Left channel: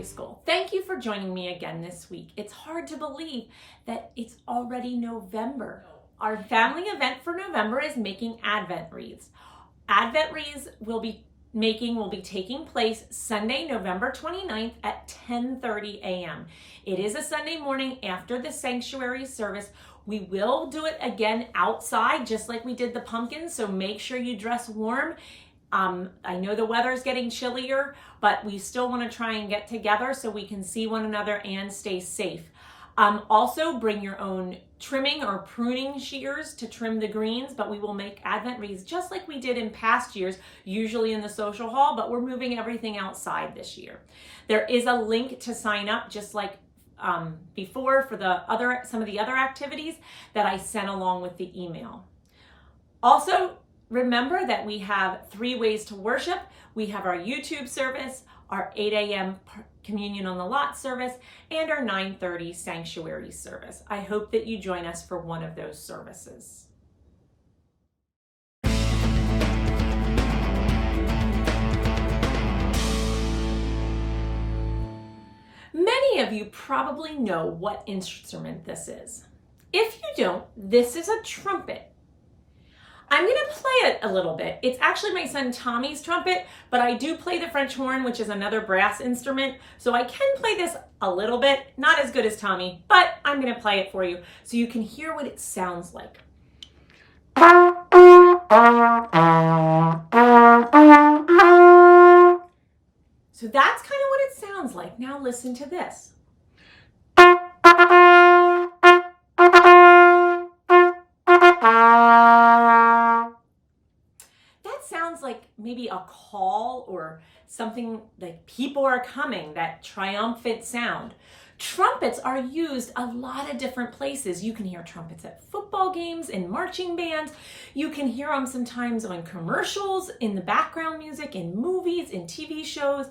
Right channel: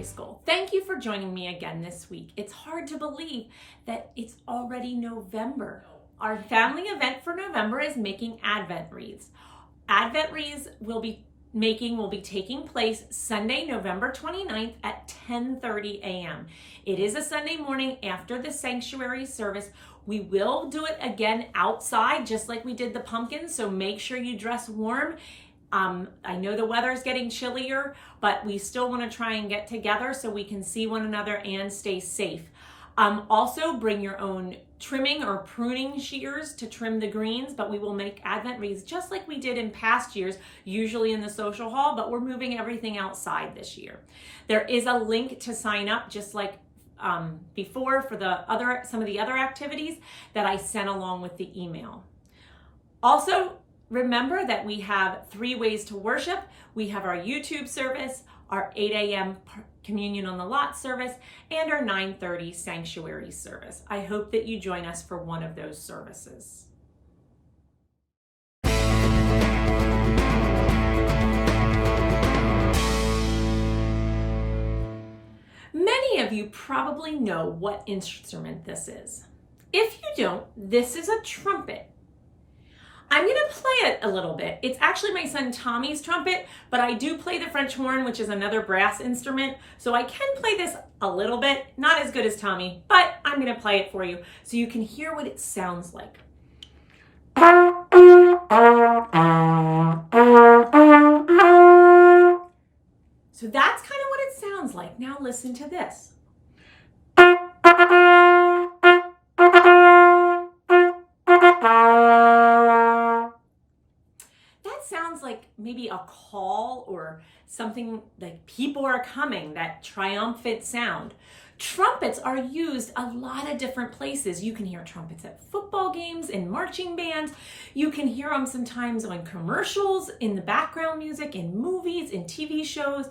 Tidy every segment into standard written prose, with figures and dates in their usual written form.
Sunday School. Thank you for joining me again this week. It's hard to believe that it's already November. Our family event for November is making Advent wreaths. Advent wreaths will be taking place Sunday, November 29th at 10:30 a.m. It is a Sunday morning after the sanctuary service. We will do it again outside, just like we did the pumpkins, so make sure you dress warm. I know the weather's getting chillier, but we still want to try and get together so we can see one another and stay safe. Also, bring your own trimming or pruning shears to trim the greens, but we will make Advent wreaths just like we did in past years, usually in the social hall, but we're moving everything outside this year. There is a link to sign up, just like before, for some of the other activities that I sent along with the email. Also, remember that we have 3 ways to worship. We have our YouTube service, our 8 a.m. communion on the lot service, and our 9:30 sanctuary service. I hope that you join us for one of those services. Many of you probably know what instrument this is. If you don't, this is a trumpet. I'm going to play it a little bit. It's actually my son Tommy's trumpet, but I do play the French horn, which is another brass instrument. So I can play this a little bit, not as good as Tommy, but I'm going to play it for you so you can hear what it sounds like. So that's kind of what it sounds like. Now listen to this. Like maybe a call or something, like people are coming, that triumphant sound. Trumpets are used a lot of different places. You can hear trumpets at football games, in marching bands. You can hear them sometimes on commercials, in the background music, in movies, in TV shows.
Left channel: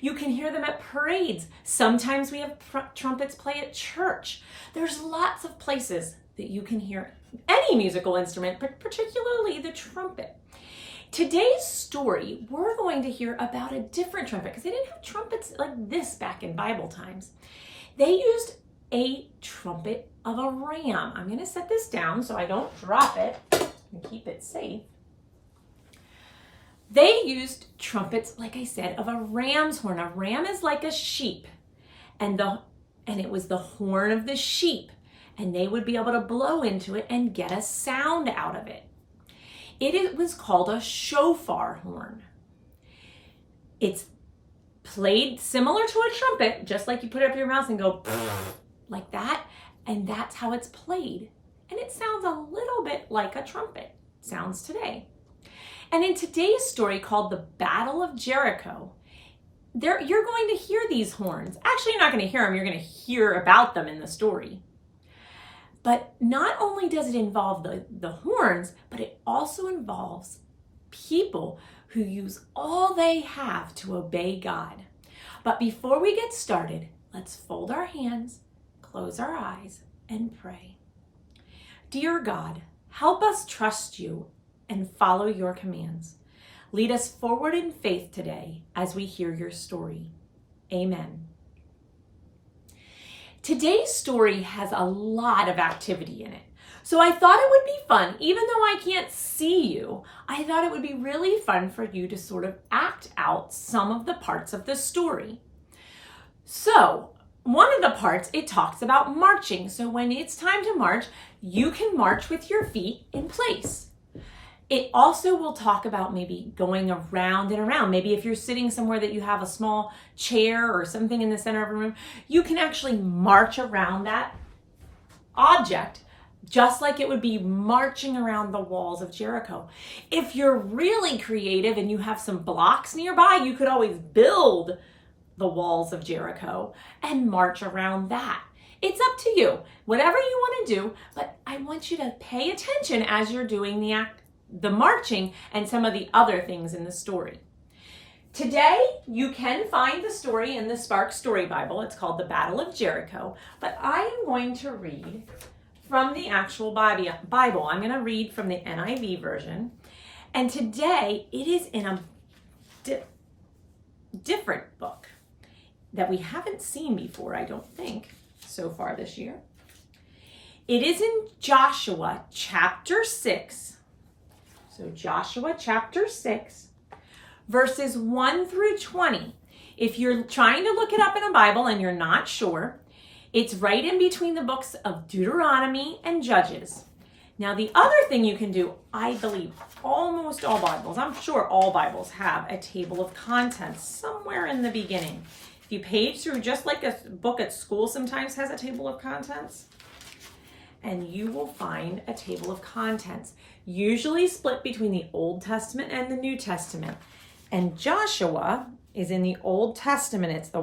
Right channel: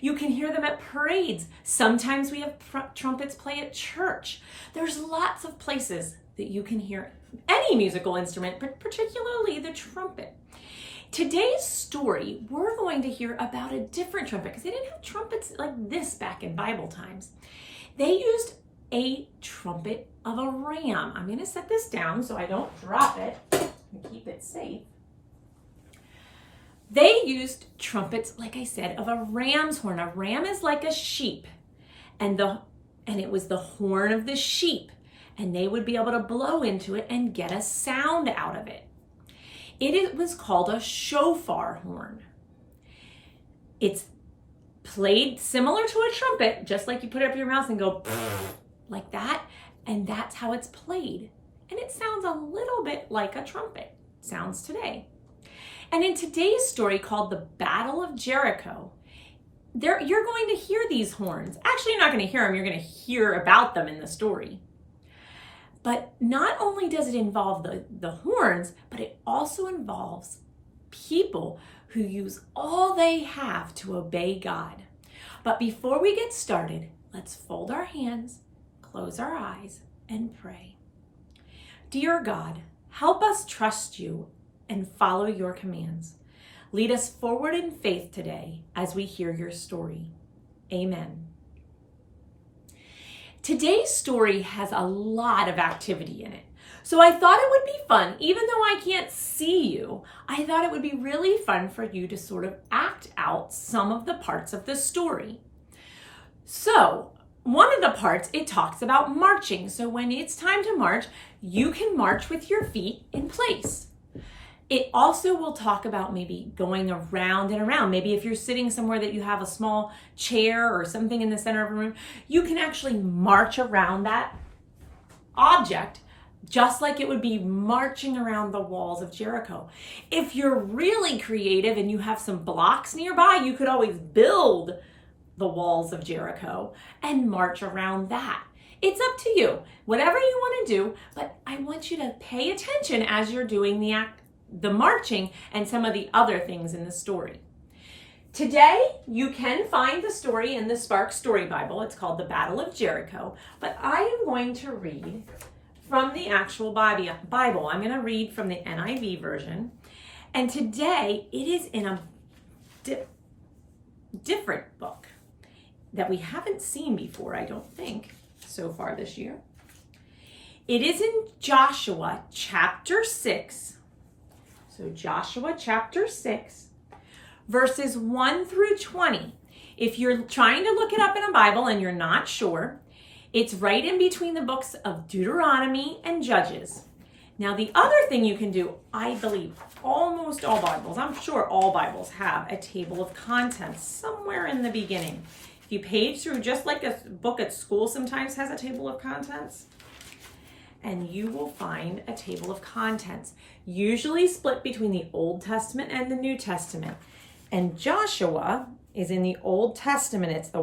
You can hear them at parades. Sometimes we have trumpets play at church. There's lots of places that you can hear any musical instrument, but particularly the trumpet. Today's story, we're going to hear about a different trumpet, because they didn't have trumpets like this back in Bible times. They used a trumpet of a ram. I'm going to set this down so I don't drop it and keep it safe. They used trumpets, like I said, of a ram's horn. A ram is like a sheep, and it was the horn of the sheep, and they would be able to blow into it and get a sound out of it. It was called a shofar horn. It's played similar to a trumpet, just like you put it up your mouth and go like that, and that's how it's played. And it sounds a little bit like a trumpet sounds today. And in today's story, called the Battle of Jericho, you're going to hear these horns. Actually, you're not going to hear them, you're going to hear about them in the story. But not only does it involve the horns, but it also involves people who use all they have to obey God. But before we get started, let's fold our hands, close our eyes, and pray. Dear God, help us trust you and follow your commands. Lead us forward in faith today as we hear your story. Amen. Today's story has a lot of activity in it. So I thought it would be fun, even though I can't see you, I thought it would be really fun for you to sort of act out some of the parts of the story. So one of the parts, it talks about marching. So when it's time to march, you can march with your feet in place. It also will talk about maybe going around and around. Maybe if you're sitting somewhere that you have a small chair or something in the center of a room, you can actually march around that object just like it would be marching around the walls of Jericho. If you're really creative and you have some blocks nearby, you could always build the walls of Jericho and march around that. It's up to you, whatever you want to do, but I want you to pay attention as you're doing the marching and some of the other things in the story. Today, you can find the story in the Spark Story Bible. It's called The Battle of Jericho, but I am going to read from the actual Bible. I'm going to read from the NIV version, and today it is in a different book. that we haven't seen before, I don't think, so far this year. It is in Joshua chapter 6. So Joshua chapter 6, verses 1 through 20. If you're trying to look it up in a Bible and you're not sure, it's right in between the books of Deuteronomy and Judges. Now, the other thing you can do, I believe almost all Bibles, I'm sure all Bibles have a table of contents somewhere in the beginning. If you page through, just like a book at school sometimes has a table of contents, and you will find a table of contents, usually split between the Old Testament and the New Testament. And Joshua is in the Old Testament. It's the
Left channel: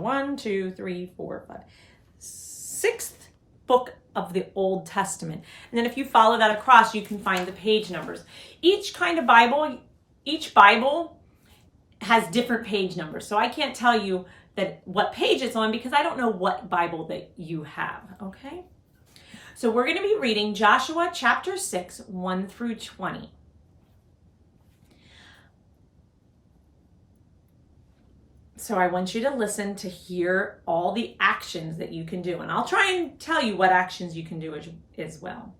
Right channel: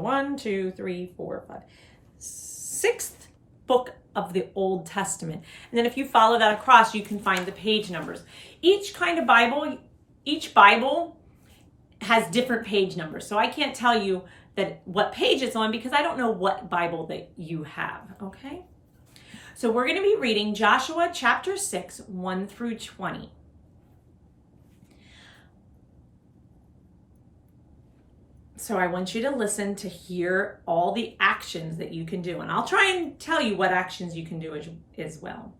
6th book of the Old Testament. And then if you follow that across, you can find the page numbers. Each Bible has different page numbers. So I can't tell you what page it's on because I don't know what Bible that you have, okay? So we're going to be reading Joshua chapter 6, 1 through 20. So I want you to listen to hear all the actions that you can do. And I'll try and tell you what actions you can do as well.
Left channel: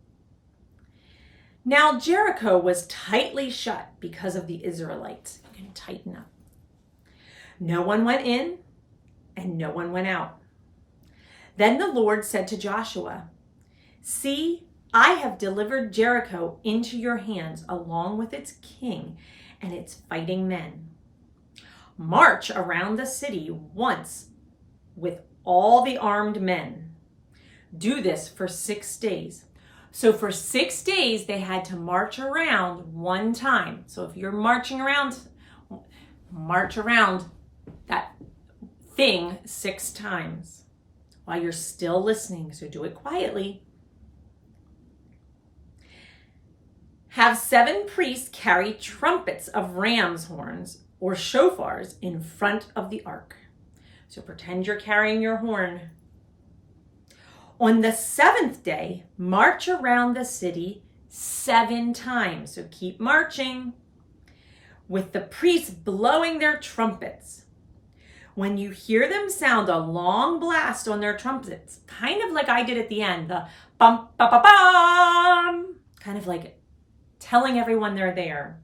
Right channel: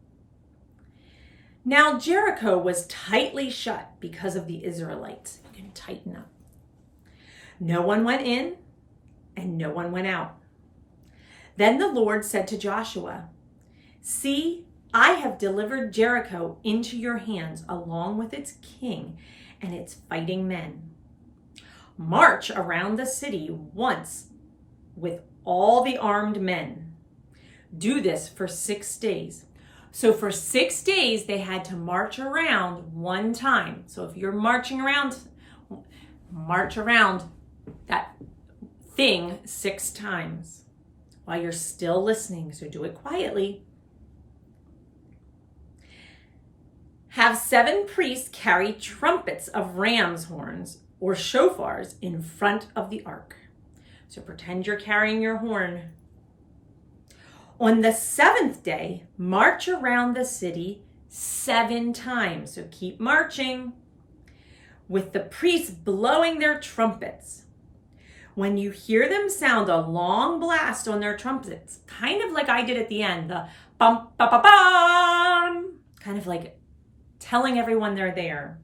Now Jericho was tightly shut because of the Israelites. You're going to tighten up. No one went in and no one went out. Then the Lord said to Joshua, "See, I have delivered Jericho into your hands along with its king and its fighting men. March around the city once with all the armed men. Do this for 6 days." So for 6 days, they had to march around one time. So if you're march around that thing 6 times while you're still listening. So do it quietly. Have 7 priests carry trumpets of ram's horns or shofars in front of the ark. So pretend you're carrying your horn. On the 7th day, march around the city 7 times. So keep marching with the priests blowing their trumpets. When you hear them sound a long blast on their trumpets, kind of like I did at the end, the bum, ba, ba, bum, kind of like telling everyone they're there.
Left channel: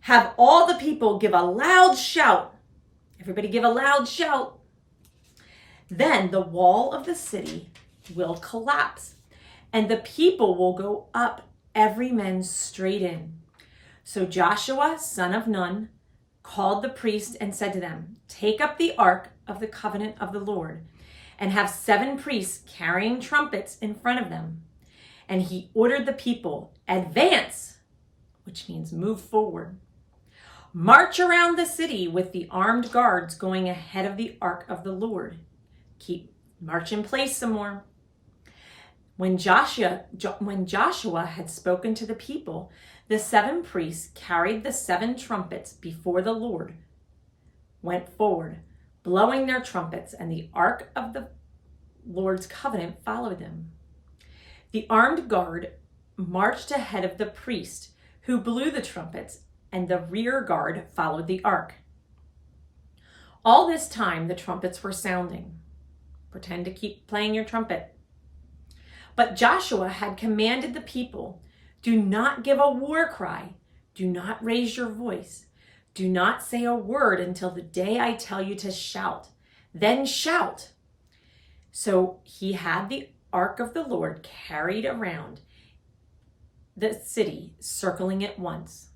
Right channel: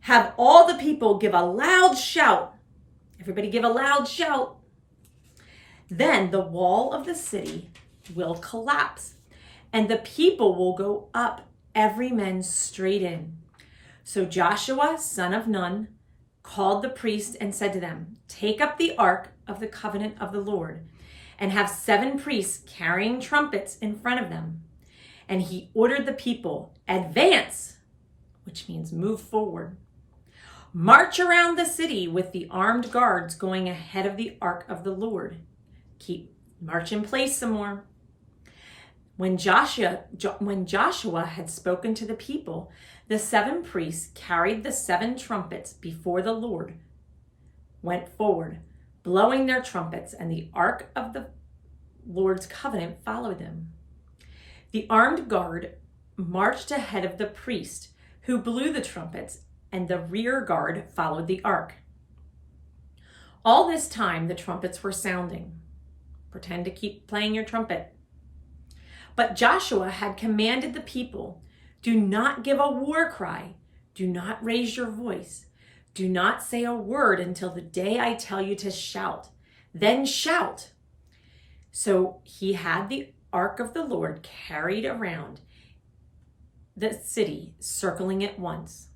Have all the people give a loud shout. Everybody give a loud shout. Then the wall of the city will collapse and the people will go up, every man straight in. So Joshua, son of Nun, called the priests and said to them, "Take up the ark of the covenant of the Lord and have 7 priests carrying trumpets in front of them." And he ordered the people, "Advance," which means move forward. "March around the city with the armed guards going ahead of the ark of the Lord." March in place some more. When Joshua had spoken to the people, the 7 priests carried the 7 trumpets before the Lord, went forward, blowing their trumpets, and the ark of the Lord's covenant followed them. The armed guard marched ahead of the priest who blew the trumpets, and the rear guard followed the ark. All this time, the trumpets were sounding. Pretend to keep playing your trumpet. But Joshua had commanded the people, "Do not give a war cry. Do not raise your voice. Do not say a word until the day I tell you to shout. Then shout." So he had the ark of the Lord carried around the city, circling it once.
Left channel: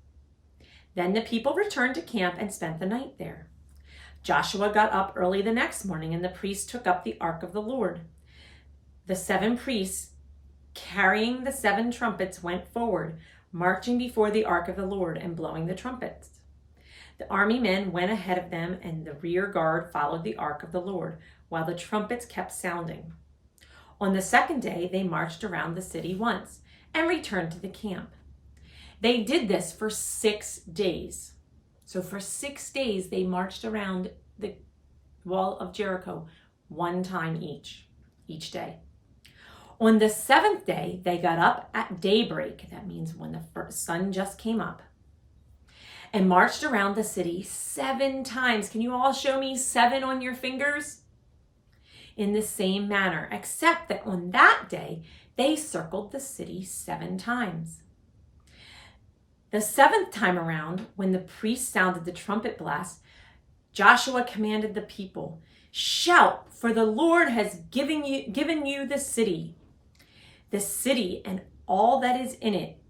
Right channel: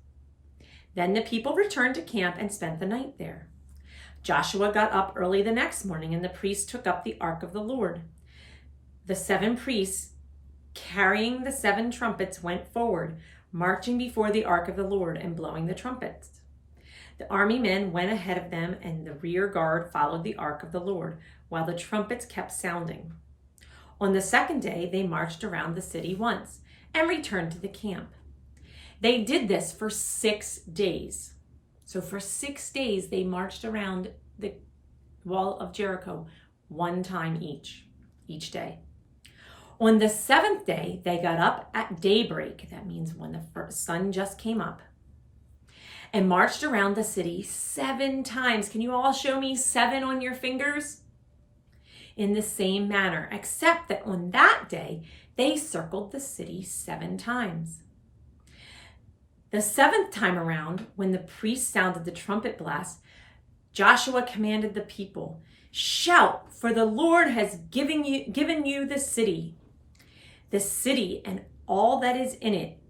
Then the people returned to camp and spent the night there. Joshua got up early the next morning, and the priests took up the ark of the Lord. The 7 priests carrying the 7 trumpets went forward, marching before the ark of the Lord and blowing the trumpets. The army men went ahead of them, and the rear guard followed the ark of the Lord, while the trumpets kept sounding. On the 2nd day, they marched around the city once and returned to the camp. They did this for 6 days. So for 6 days, they marched around the wall of Jericho one time each day. On the 7th day, they got up at daybreak. That means when the sun just came up. and marched around the city 7 times. Can you all show me 7 on your fingers? In the same manner, except that on that day, they circled the city 7 times. The 7th time around, when the priest sounded the trumpet blast, Joshua commanded the people, "Shout, for the Lord has given you the city. The city and all that is in it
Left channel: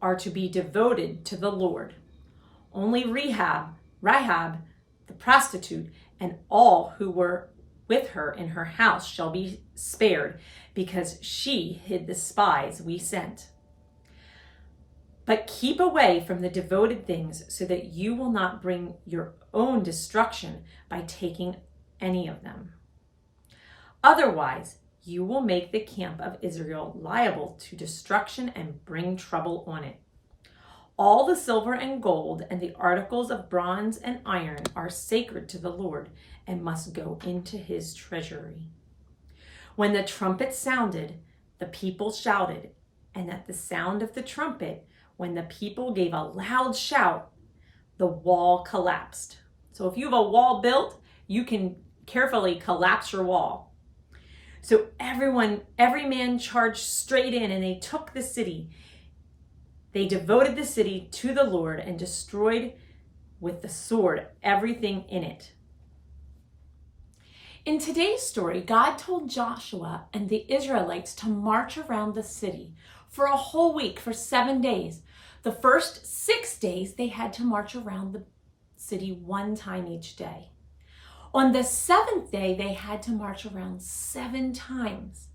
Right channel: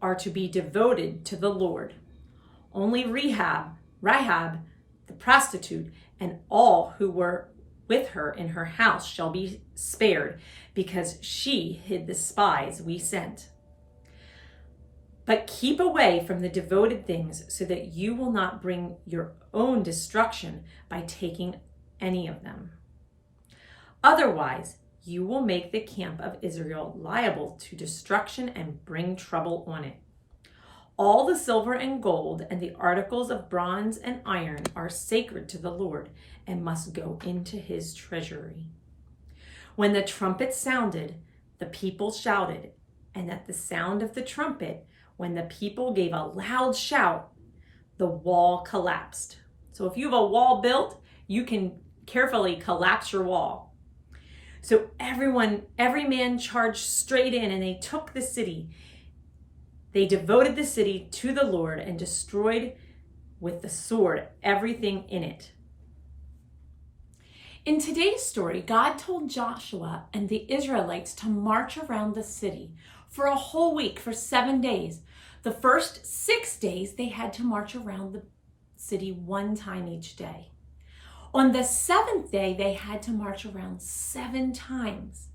are to be devoted to the Lord. Only Rahab, the prostitute, and all who were with her in her house shall be spared, because she hid the spies we sent. But keep away from the devoted things, so that you will not bring your own destruction by taking any of them. Otherwise, you will make the camp of Israel liable to destruction and bring trouble on it. All the silver and gold and the articles of bronze and iron are sacred to the Lord and must go into his treasury." When the trumpet sounded, the people shouted, and at the sound of the trumpet, when the people gave a loud shout, the wall collapsed. So if you have a wall built, you can carefully collapse your wall. So every man charged straight in, and they took the city. They devoted the city to the Lord and destroyed with the sword everything in it. In today's story, God told Joshua and the Israelites to march around the city for a whole week, for 7 days. The first 6 days, they had to march around the city 1 time each day. On the 7th day, they had to march around 7 times.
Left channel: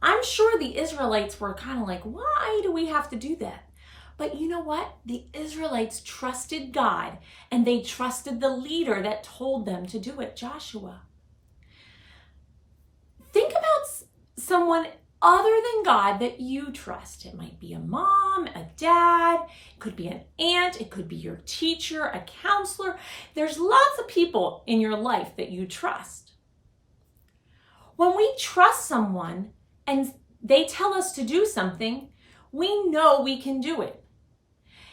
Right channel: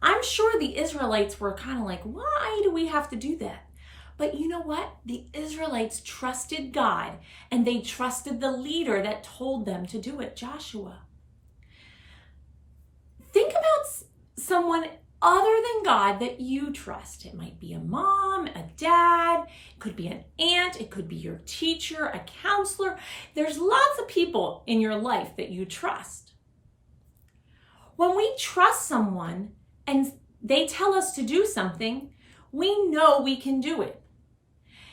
I'm sure the Israelites were kind of like, why do we have to do that? But you know what? The Israelites trusted God, and they trusted the leader that told them to do it, Joshua. Think about someone other than God that you trust. It might be a mom, a dad, it could be an aunt, it could be your teacher, a counselor. There's lots of people in your life that you trust. When we trust someone and they tell us to do something, we know we can do it.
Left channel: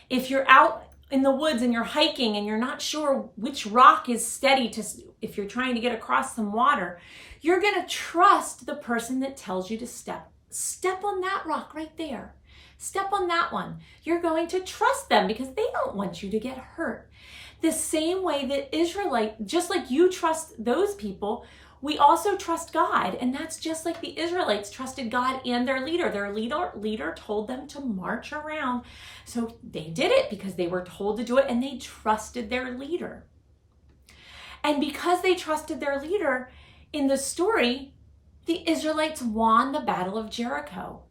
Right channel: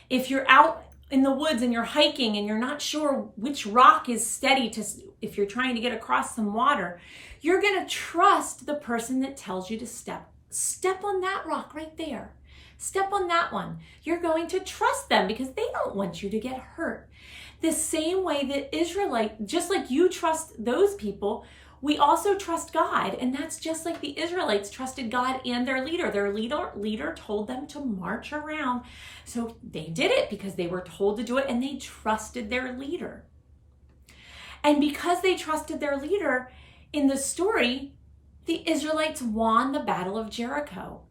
If you're out in the woods and you're hiking and you're not sure which rock is steady if you're trying to get across some water, you're going to trust the person that tells you to step on that rock right there. Step on that one. You're going to trust them because they don't want you to get hurt. The same way that Israelite, just like you trust those people, we also trust God. And that's just like the Israelites trusted God and their leader. Their leader told them to march around. So they did it because they were told to do it, and they trusted their leader. And because they trusted their leader, in the story, the Israelites won the Battle of Jericho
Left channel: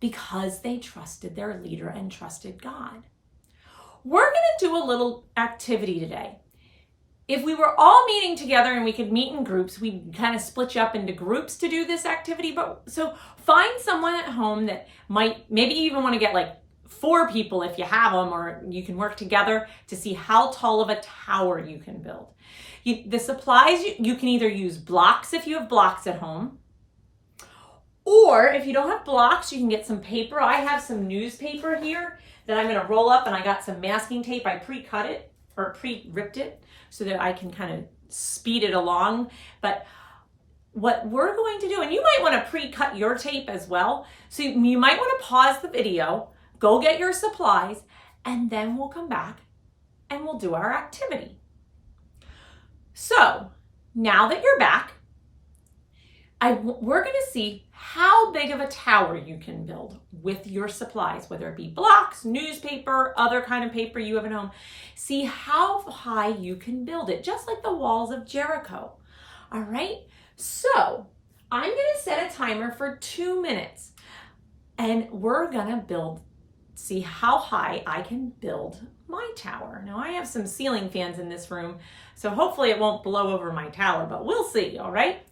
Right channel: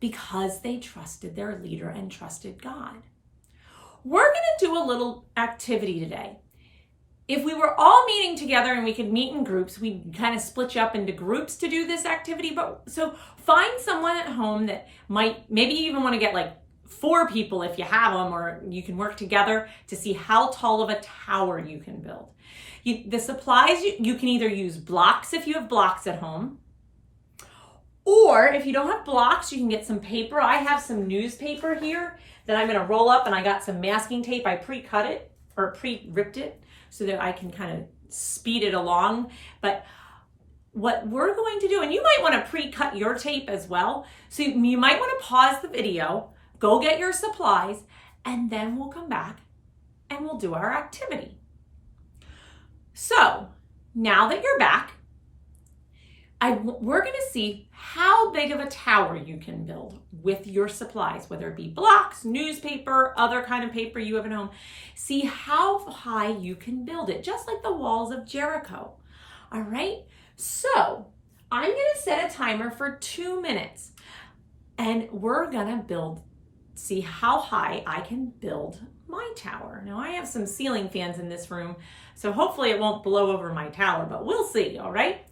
because they trusted their leader and trusted God. We're going to do a little activity today. If we were all meeting together and we could meet in groups, we'd kind of split you up into groups to do this activity. So find someone at home that maybe you even want to get like 4 people if you have them, or you can work together to see how tall of a tower you can build. The supplies, you can either use blocks if you have blocks at home, or if you don't have blocks, you can get some paper. I have some newspaper here that I'm going to roll up, and I got some masking tape. I pre-cut it or pre-ripped it so that I can kind of speed it along. But what we're going to do, and you might want to pre-cut your tape as well. So you might want to pause the video, go get your supplies, and then we'll come back and we'll do our activity. So now that you're back, we're going to see how big of a tower you can build with your supplies, whether it be blocks, newspaper, other kind of paper you have at home. See how high you can build it, just like the walls of Jericho. All right, so I'm going to set a timer for 2 minutes, and we're going to see how high I can build my tower. Now I have some ceiling fans in this room, so hopefully it won't blow over my tower, but we'll see, all right?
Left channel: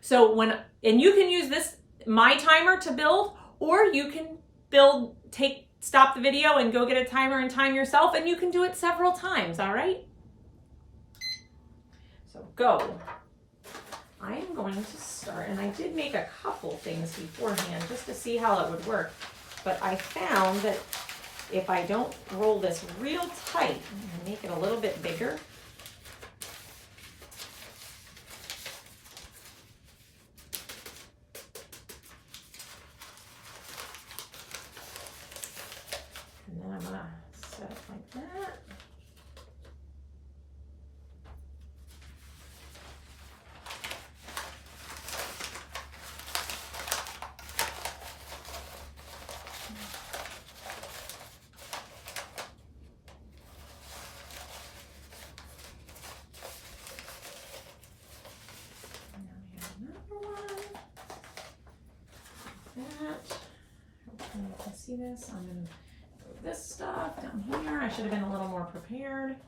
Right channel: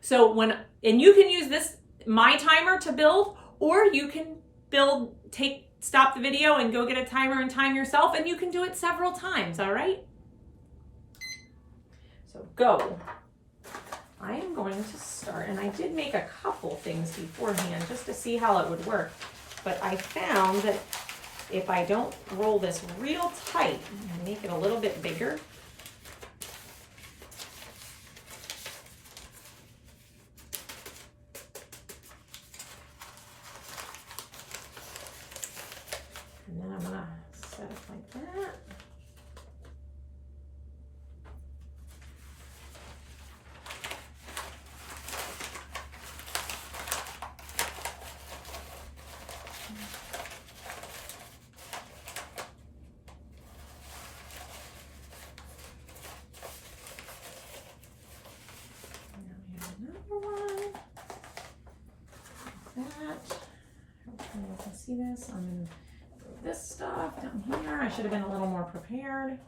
So and you can use my timer to build, or you can stop the video and go get a timer and time yourself, and you can do it several times, all right? So go. I am going to start, and I did make a couple things beforehand just to see how it would work, but I found that if I don't roll this real tight and make it a little bit bigger, and then I'm gonna set it like that. You can see this. I'm going to move this stuff down here. I should have been a little more prepared.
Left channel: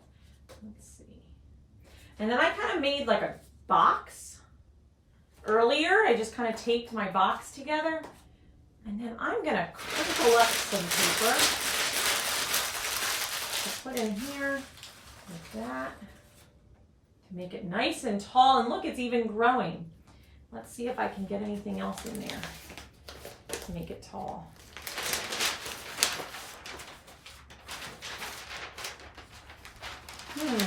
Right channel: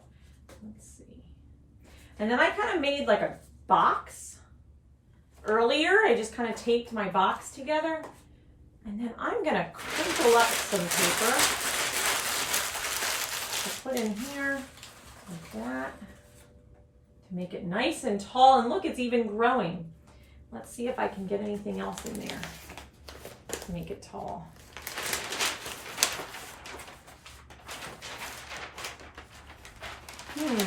Let's see. And then I kind of made like a box earlier. I just kind of taped my box together. And then I'm going to crinkle up some paper to put in here like that to make it nice and tall. And look, it's even growing. Let's see if I can get anything else in there to make it tall. Maybe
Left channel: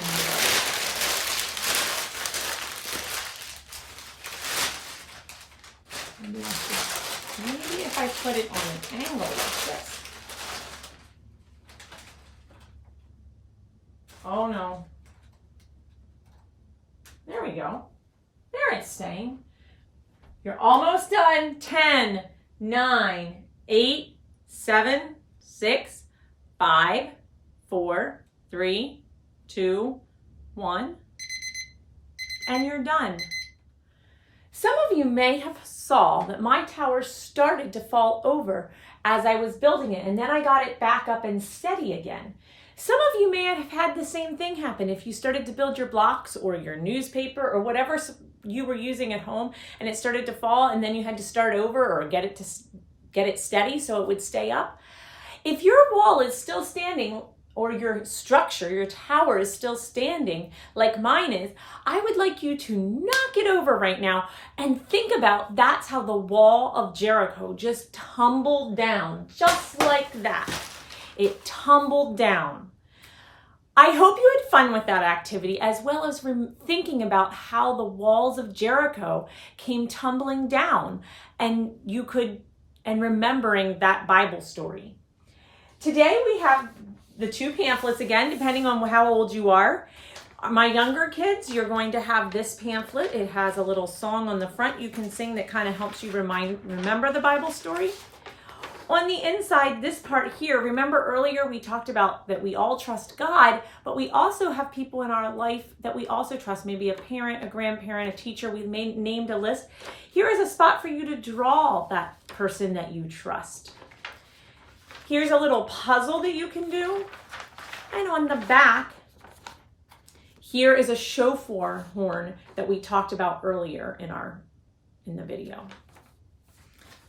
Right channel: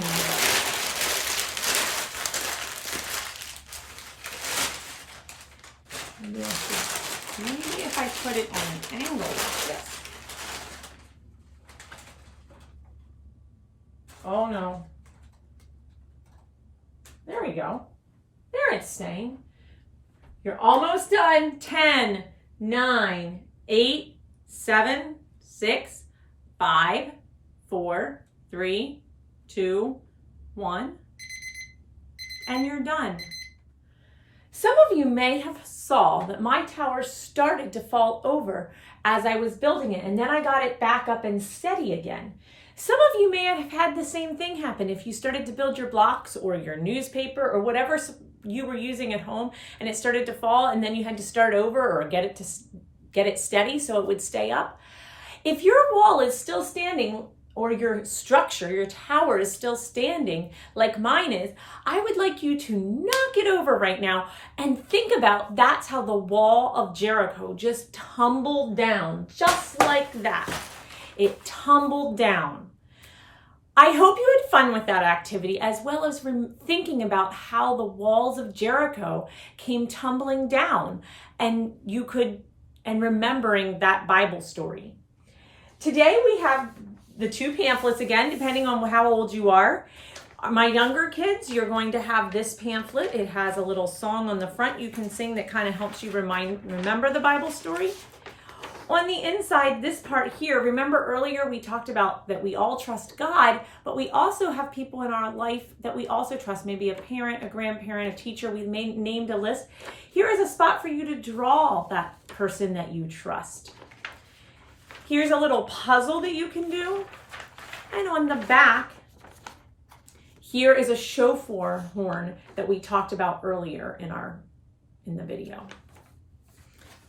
if I put it on an angle like this. Oh no. There we go. There it's staying. You're almost done. 10, 9, 8, 7, 6, 5, 4, 3, 2, 1, and you're done. Some of you may have saw that my tower started to fall over as I was building it, and then I got it back up and steady again. Some of you may have had the same thing happen if you started to build your blocks or your newspaper or whatever you were using at home and it started to fall and then you had to start over or get it steady so it would stay up. If your wall is still standing or your structure, your tower is still standing like mine is, I would like you to knock it over right now and think about that's how the wall of Jericho just tumbled down, just like that. It tumbled down. I hope you had fun with that activity as well as thinking about how the walls of Jericho came tumbling down and remembering that Bible story. Today we have the two pamphlets again, depending on how old you are. My younger kids, you're going to have this pamphlet. It has a little song on the front you can sing that kind of helps you remember the Bible story. On the inside, this part here, remember earlier we talked about that we all trust God, but we also have people in our life that we also trust, maybe a parent, a grandparent, a teacher. We've named a list. Here is a spot for you to draw that person that you trust. Here's a little puzzle that you can do. And on the back, here is a shofar horn that we talked about earlier in the video.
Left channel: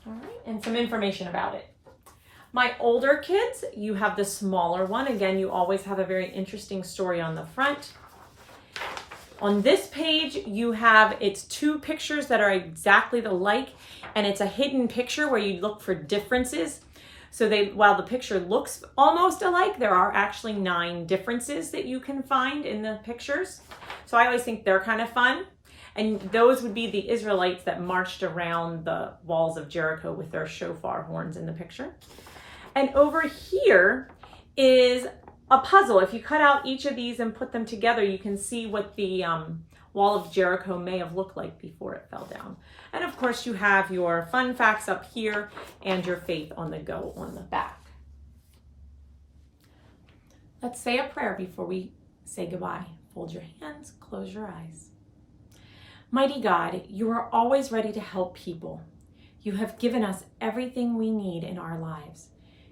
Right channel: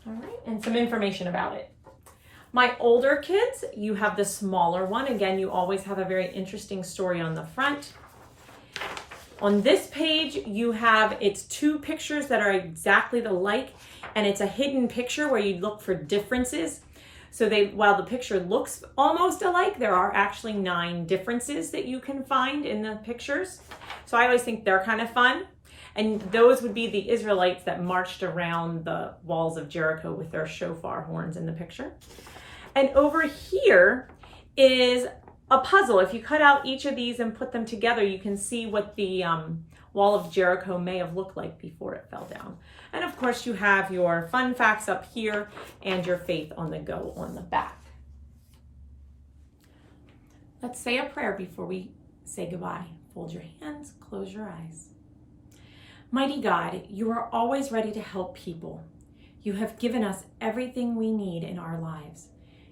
All right, and some information about it. My older kids, you have the smaller one. Again, you always have a very interesting story on the front. On this page, you have, it's two pictures that are exactly alike, and it's a hidden picture where you look for differences. So while the picture looks almost alike, there are actually 9 differences that you can find in the pictures. So I always think they're kind of fun. And those would be the Israelites that marched around the walls of Jericho with their shofar horns in the picture. And over here is a puzzle. If you cut out each of these and put them together, you can see what the wall of Jericho may have looked like before it fell down. And of course you have your fun facts up here and your faith on the go on the back. Let's say a prayer before we say goodbye. Fold your hands, close your eyes. Mighty God, you are always ready to help people. You have given us everything we need in our lives.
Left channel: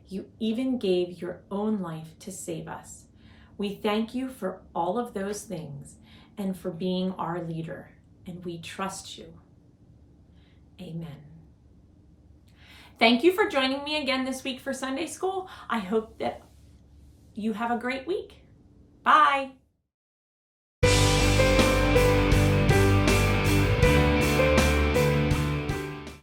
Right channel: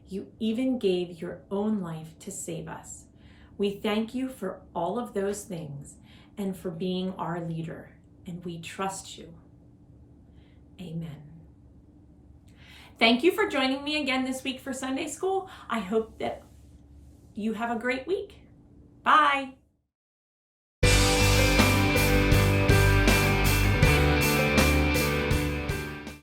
You even gave your own life to save us. We thank you for all of those things and for being our leader, and we trust you. Amen. Thank you for joining me again this week for Sunday School. I hope that you have a great week. Bye.